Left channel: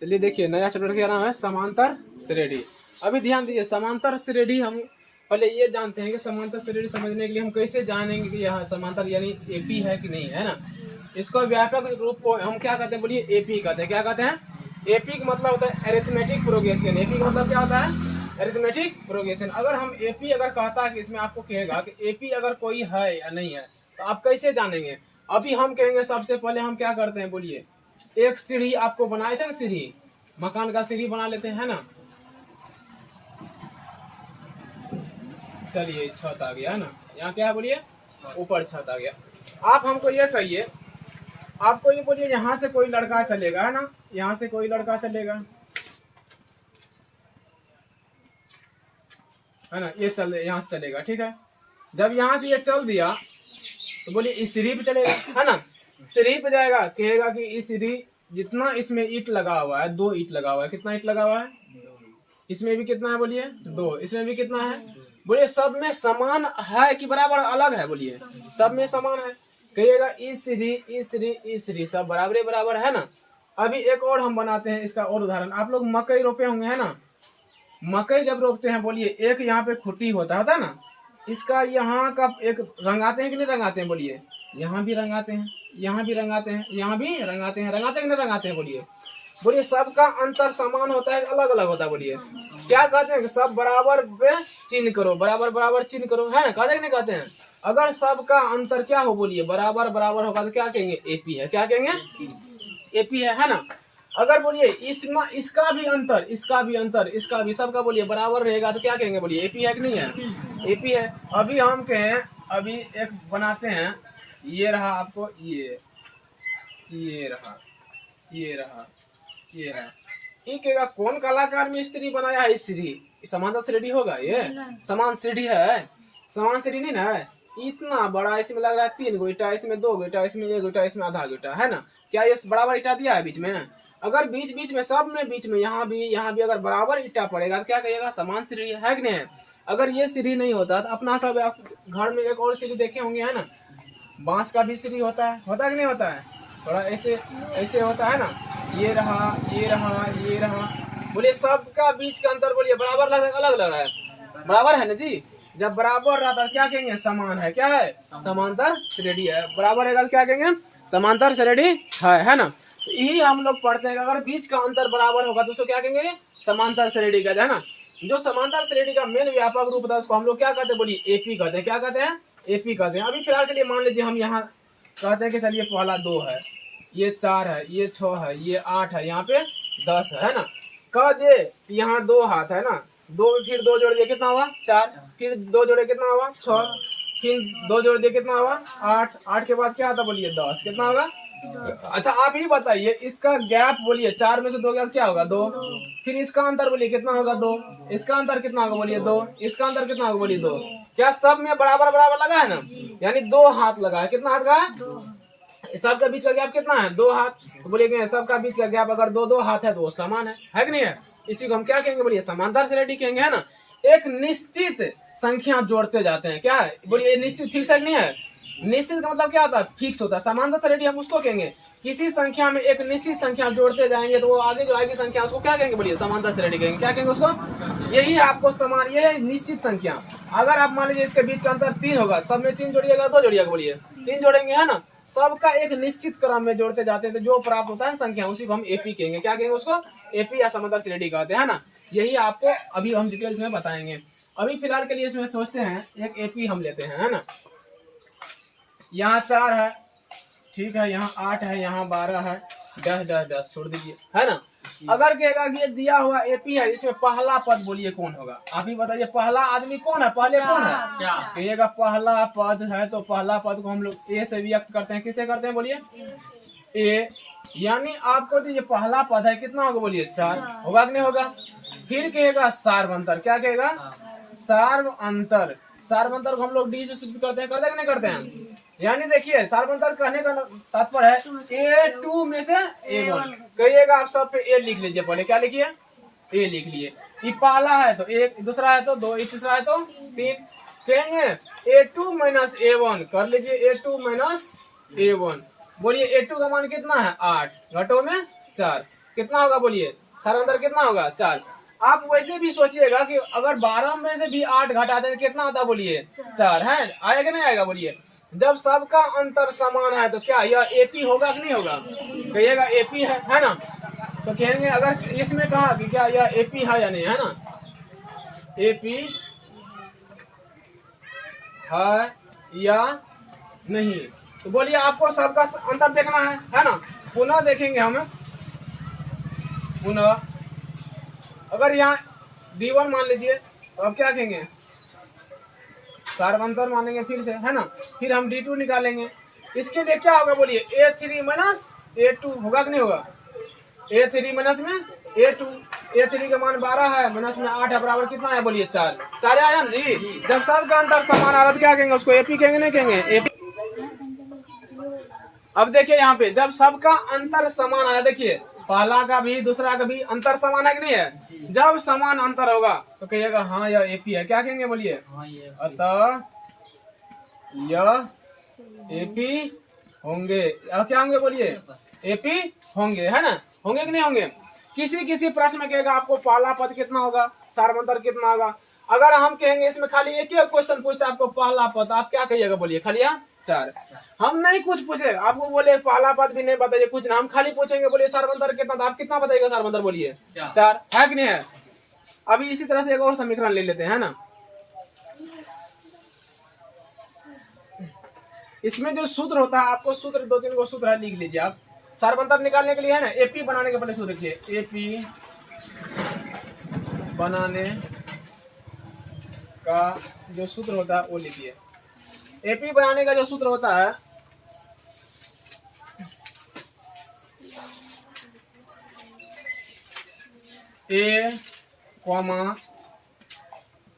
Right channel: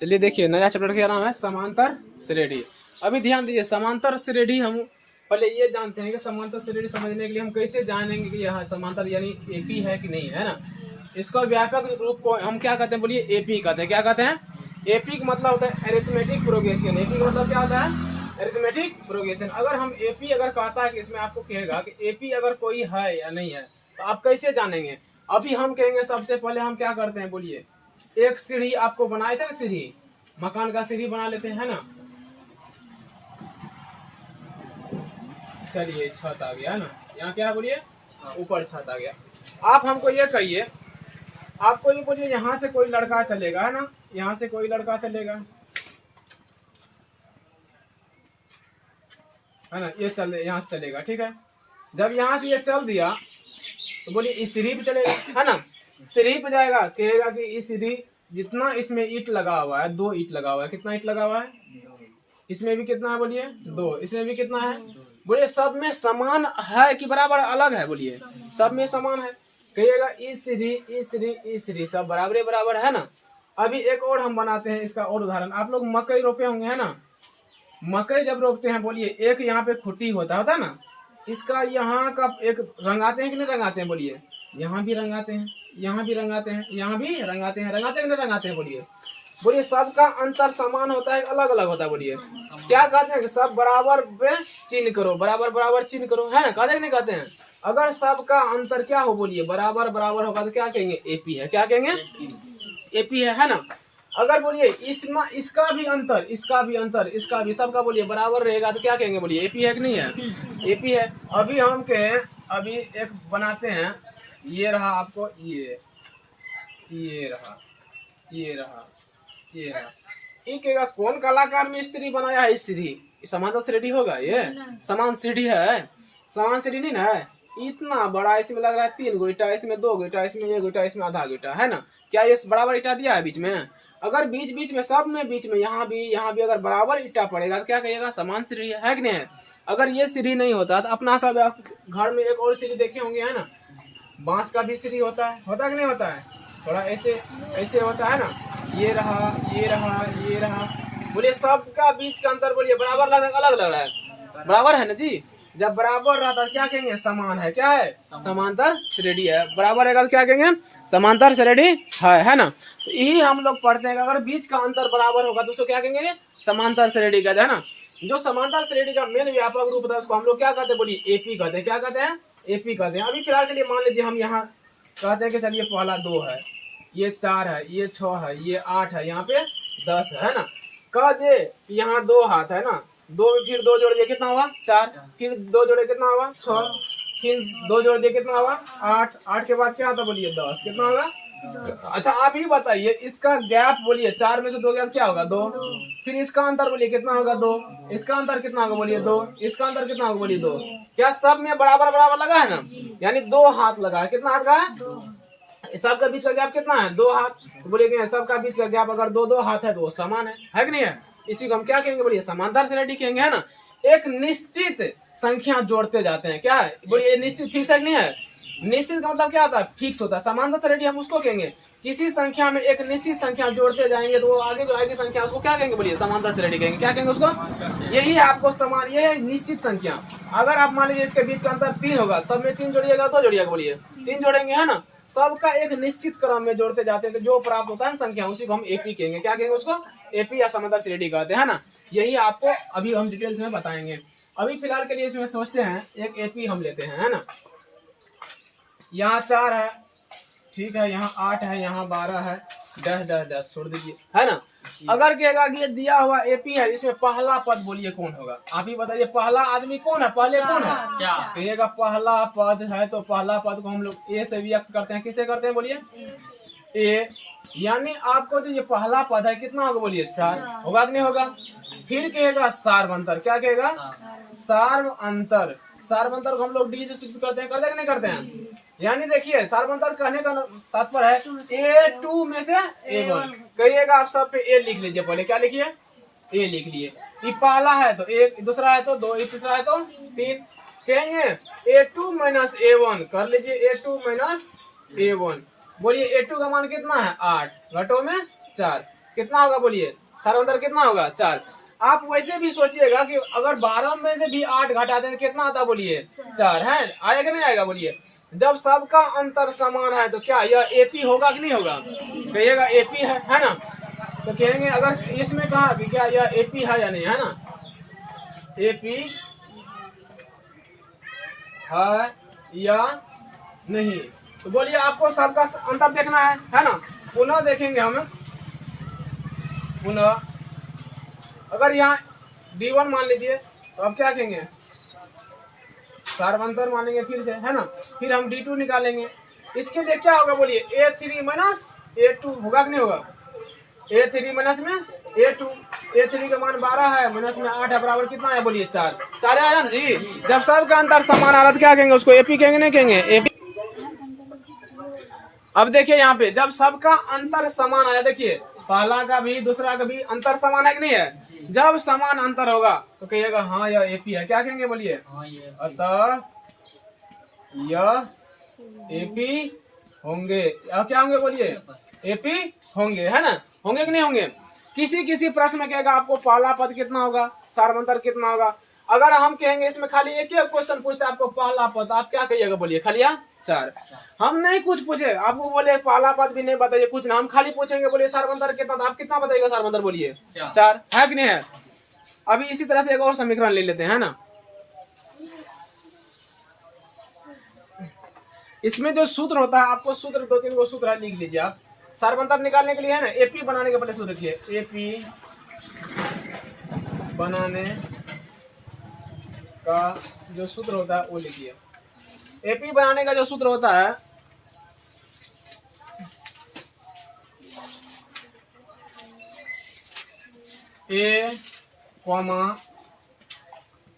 चलिए देखिए, नया चैप्टर क्या नाम है, समांतर श्रेणी। अभी ध्यान दीजिए, समांतर श्रेणी हम पहले ये जानते हैं कि समांतर श्रेणी समझने के लिए हम कैसे जानेंगे कि यह समांतर यानी एपी है कि नहीं है ना। इसका व्यापक रूप को हम क्या कहते हैं, बोलिए एपी कहते हैं। क्या कहते हैं? एपी का मतलब होता है अरिथमेटिक प्रोग्रेशन। एपी का मतलब क्या होता है? Arithmetic progression. अगर हम एपी अगर कहता है कि इसमें आपको कहेगा कि एपी अगर कोई है या नहीं है, तो आप कैसे जानेंगे? अभी हम कहेंगे सबसे पहले हम क्या करते हैं, बोलिए एक सीढ़ी आपको बनाए थे ना, सीढ़ी मकान का सीढ़ी बना लेते हैं ना। चलिए छत आ गया है ना, यहाँ क्या है बोलिए, ऊपर छत आ गया। आप हमको ये कहिए, आपको ये बोलिए यहाँ से कोई लड़का चलेगा है ना, यहाँ से कोई लड़का चलेगा है ना, ये चल यहाँ से चलेगा, ठीक है। जब यहाँ से ये चल दिया तो बोलिए इस सीढ़ी पे चलेगा है ना, सीढ़ी पे जाएगा, कहेगा कि इस सीढ़ी जितना इसमें ईंट लगा हुआ है, 2 ईंट लगा हुआ है, कितना ईंट लगा हुआ है, इसमें भी कितना है बोलिए 2, इसमें भी कितना है बोलिए, सब में समान है कि बराबर अलग है, बोलिए सब में समान है। कहिएगा इस सीढ़ी इस सीढ़ी इस सीढ़ी सब बराबर बराबर है ना। अभी एक और हम बनाते हैं इसका और उदाहरण। आप लोग मकई रोपे होंगे है ना, मकई जब रोपते हैं बोलिए एक यहाँ पे खुट्टी होता है ना, इसका यहाँ का एक रंगाते हैं कि नहीं रंगाते हैं, बोलिए यहाँ भी रंगाते हैं, यहाँ भी रंगाते हैं, यहाँ भी रंगाते हैं, रंगाते हैं कि नहीं रंगाते हैं, बोलिए बोलिए सबका अंतर समान होता है अलग अलग होता है, बोलिए क्या कहते हैं कि सब बराबर पे चिन्ह करो, बराबर बराबर चिन्ह करो, है ना, कहते हैं कि नहीं कहते हैं? अगर सबका अंतर क्या हो, बोलिए बराबर बराबर होगा तो क्या कहेंगे, एपी है। क्या कहेंगे? एपी है ना। अगर बोलिए इसमें इसका भी अंतर इसका भी अंतर इसका भी सबका बोलिए बराबर रहेगा तो क्या कहेंगे, बोलिए एपी है कि नहीं है? एपी है। अभी हम कहें, अभी एक बनाते हैं, ये रहा आपको, ये रहा, ये रहा, ये रहा। ये कहेगा कौन कलाकार मिस्त्री बनाया है इस सीढ़ी? समांतर श्रेणी होगा ये? समान सीढ़ी है, समान सीढ़ी नहीं ना है। इतना बड़ा इसमें लग रहा है 3 गो ईटा, इसमें 2 गो ईटा, इसमें 1 ईटा, इसमें आधा ईटा, है ना। क्या ये बराबर ईटा दिया है बीच में? अगर बीच बीच में सब में बीच में यहाँ भी अगर बराबर ईटा पड़ेगा तो क्या कहिएगा, समान सीढ़ी है कि नहीं है? अगर ये सीढ़ी नहीं होता तो अपना सब आप घर में एक और सीढ़ी देखे होंगे है ना, बांस का भी सीढ़ी होता है कि नहीं होता है? थोड़ा ऐसे ऐसे होता है ना, ये रहा, ये रहा, ये रहा, बोलिए सबका बीच का अंतर बोलिए बराबर लग रहा है अलग लग रहा है? बराबर है ना जी। जब बराबर रहता है क्या कहेंगे, समान है। क्या है? समांतर श्रेणी है। बराबर रहेगा तो क्या कहेंगे, समांतर श्रेणी है ना। तो यही हम लोग पढ़ते हैं, अगर बीच का अंतर बराबर होगा तो उसको क्या कहेंगे, समांतर श्रेणी का, है ना। जो समांतर श्रेणी का मेन व्यापक रूप होता है उसको हम लोग क्या कहते हैं, बोलिए एपी कहते हैं। क्या कहते हैं? एपी कहते हैं। अभी फिलहाल के लिए मान लीजिए हम यहाँ कहते हैं कि चलिए पहला 2 है, ये 4 है, ये 6 है, ये 8 है, यहाँ पे 10 है ना। कह दे यहाँ 2 हाथ है ना, 2 फिर 2 जोड़ दिए कितना हुआ, 4, फिर 2 जोड़े कितना हुआ, 6, फिर 2 जोड़ दिए कितना हुआ, 8, 8 के बाद क्या आता बोलिए 10, कितना होगा? अच्छा आप ही बताइए, इसका गैप बोलिए 4 में से 2 गया क्या होगा, 2। फिर इसका अंतर बोलिए कितना होगा, 2। इसका अंतर कितना होगा, बोलिए 2। इसका अंतर कितना होगा, बोलिए 2। क्या सब में बराबर बराबर लगा है ना, यानी 2 हाथ लगा है। कितना हाथ का है? सबका बीच का गैप कितना है, 2 हाथ। तो बोलिए सबका बीच का गैप अगर 2 हाथ है तो वो समान है कि नहीं है? इसी को हम क्या कहेंगे, बोलिए समांतर श्रेणी कहेंगे, है ना। एक निश्चित संख्या जोड़ते जाते हैं, क्या है बोलिए, निश्चित फिक्स है कि नहीं है? निश्चित का मतलब क्या होता है, फिक्स होता है। समांतर श्रेणी हम उसको कहेंगे किसी संख्या में एक निश्चित संख्या जोड़ते जाएंगे तो वो आगे जो आएगी संख्या उसको क्या कहेंगे, बोलिए समांतर श्रेणी कहेंगे। क्या कहेंगे उसको? यही आपको समान, ये है निश्चित संख्या। अगर आप मान लीजिए इसके बीच का अंतर 3 होगा, सब में 3 जोड़िएगा तो जोड़िएगा, बोलिए 3 जोड़ेंगे, है ना। सबका एक निश्चित क्रम में जोड़ते जाते हैं तो जो प्राप्त होता है संख्या उसी को हम एपी कहेंगे। क्या कहेंगे उसको? एपी या समांतर श्रेणी कहते हैं ना। यही आपको अभी हम डिटेल्स में बताएंगे। अभी फिलहाल के लिए इसमें सोचते हैं एक एपी हम लेते हैं, है ना। यहाँ 4 है, ठीक है, यहाँ 8 है, यहाँ 12 है, डैश डैश डैश छोड़ दीजिए, है ना। अगर कहेगा कि ये दिया हुआ एपी है, इसमें पहला पद बोलिए कौन होगा, आप ही बताइए। पहला आदमी कौन है, पहले कौन है? कहिएगा पहला पद है तो पहला पद को हम लोग ए से व्यक्त करते हैं। किसे करते हैं, बोलिए ए। यानी आपको तो ये पहला पद है, कितना होगा बोलिए 4, होगा कि नहीं होगा? फिर कहेगा सार्व अंतर। क्या कहेगा? सार्व अंतर। सार्व अंतर को हम लोग डी से सूचित करते हैं कि नहीं करते हैं? यानी देखिए सार्वंतर कहने का तात्पर्य है A2 में से A1। कहिएगा आप सब पे A लिख लीजिए, पहले क्या लिखिए, A लिख लिए। ये पहला है तो 1, दूसरा है तो 2, तीसरा है तो 3। कहेंगे A2 माइनस A1 कर लीजिए, A2 माइनस A1। बोलिए A2 का मान कितना है, 8, घटो में 4। कितना होगा बोलिए, सारा अंतर कितना होगा 4। आप वैसे भी सोचिएगा कि अगर 12 में से भी 8 घटा दें कितना आता बोलिए 4 है, आएगा नहीं आएगा बोलिए। जब सबका अंतर समान है तो क्या यह एपी होगा कि नहीं होगा, कहिएगा एपी है ना। तो कहेंगे अगर इसमें कहा कि क्या यह एपी है या नहीं, है ना, एपी है या नहीं। तो बोलिए आपको सबका अंतर देखना है ना। पुनः देखेंगे हम, पुनः अगर यहाँ D1 मान लीजिए तो अब क्या कहेंगे, सार्वंतर मानेंगे फिर से, है ना। फिर हम D2 निकालेंगे, इसके लिए क्या होगा बोलिए A3 माइनस A2 होगा कि नहीं होगा, A3 माइनस में A2, A3 का मान 12 है, माइनस में 8 है, बराबर कितना है बोलिए 4। 4 आया ना जी। जब सबका अंतर समान आएगा तो क्या कहेंगे उसको, एपी कहेंगे नहीं कहेंगे, एपी। अब देखिए यहाँ पे जब सबका अंतर समान आया, देखिए पहला का भी दूसरा का भी अंतर समान है कि नहीं है। जब समान अंतर होगा तो कहिएगा हाँ यह एपी है, क्या कहेंगे बोलिए, अतः यह एपी होंगे। अब क्या होंगे बोलिए, एपी होंगे, है ना, होंगे कि नहीं होंगे। किसी किसी प्रश्न में कहेगा आपको पहला पद कितना होगा, सार्वंतर कितना होगा। अगर हम कहेंगे इसमें खाली एक ही क्वेश्चन पूछते आपको पहला पद, आप क्या कहिएगा बोलिए, खाली 4। हम नहीं कुछ पूछे, आपको बोले पहला पद भी नहीं बताइए कुछ ना, हम खाली पूछेंगे बोलिए सार्वंतर कितना था, आप कितना बताइएगा सार्वंतर बोलिए 4, है कि नहीं है। अभी इसी तरह से एक और समीकरण ले लेते हैं, है ना। इसमें जो सूत्र होता है, आपको सूत्र 2-3 को सूत्र है, लिख लीजिए आप। सार्वंतर निकालने के लिए है ना, एपी बनाने के पहले सूत्र लिखिए, एपी बनाने का जो सूत्र होता है वो लिखिए। एपी बनाने का जो सूत्र होता है, ए कॉमा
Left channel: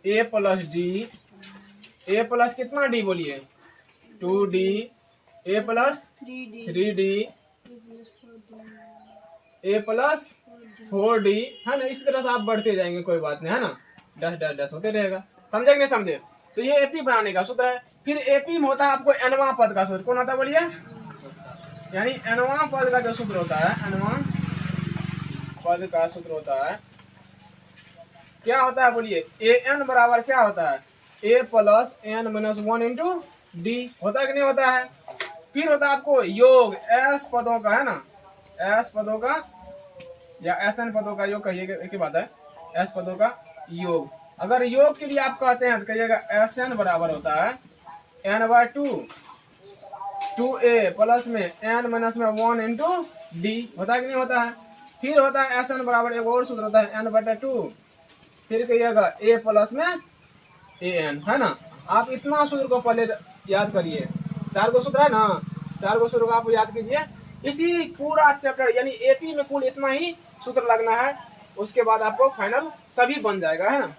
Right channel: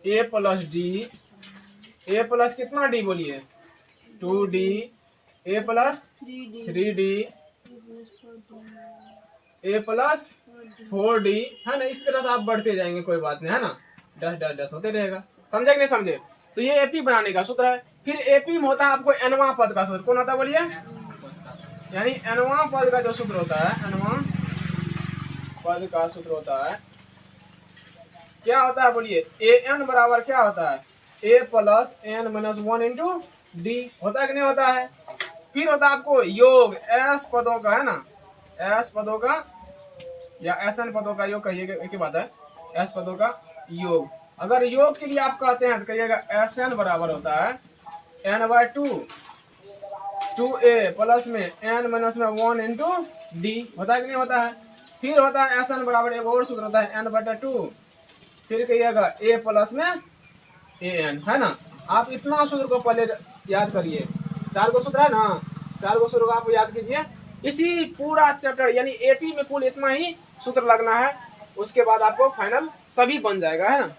ए प्लस डी, ए प्लस कितना डी बोलिए 2d, ए प्लस 3d, ए प्लस 4d, है ना। इस तरह से आप बढ़ते जाएंगे, कोई बात नहीं, है ना, डैश डैश डैश होते रहेगा। समझे कि नहीं समझे। तो ये एपी बनाने का सूत्र है। फिर एपी में होता है आपको एनवा पद का सूत्र, कौन होता है बोलिए, यानी एनवा पद का जो सूत्र होता है, एनवा पद का सूत्र होता है, क्या होता है बोलिए, ए एन बराबर क्या होता है, A plus N minus 1 into D, होता है कि नहीं होता है। फिर होता है आपको योग एस पदों का, है ना, एस पदों का या एस एन पदों का योग, कहिएगा एक ही बात है, एस पदों का योग। अगर योग के लिए आप कहते हैं तो कहिएगा एस एन बराबर होता है n/2, 2a प्लस में n माइनस में 1 इंटू डी, होता है कि नहीं होता है। फिर होता है एस एन बराबर, एक और सूत्र होता है n/2, फिर कहिएगा a प्लस में an, है ना। आप इतना सूत्र को पहले याद करिए, 4 गो सूत्र है ना, 4 गो सूत्र को आप याद कीजिए। इसी पूरा चैप्टर यानी एपी में कुल इतना ही सूत्र लगना है, उसके बाद आपको फाइनल सभी बन जाएगा, है ना।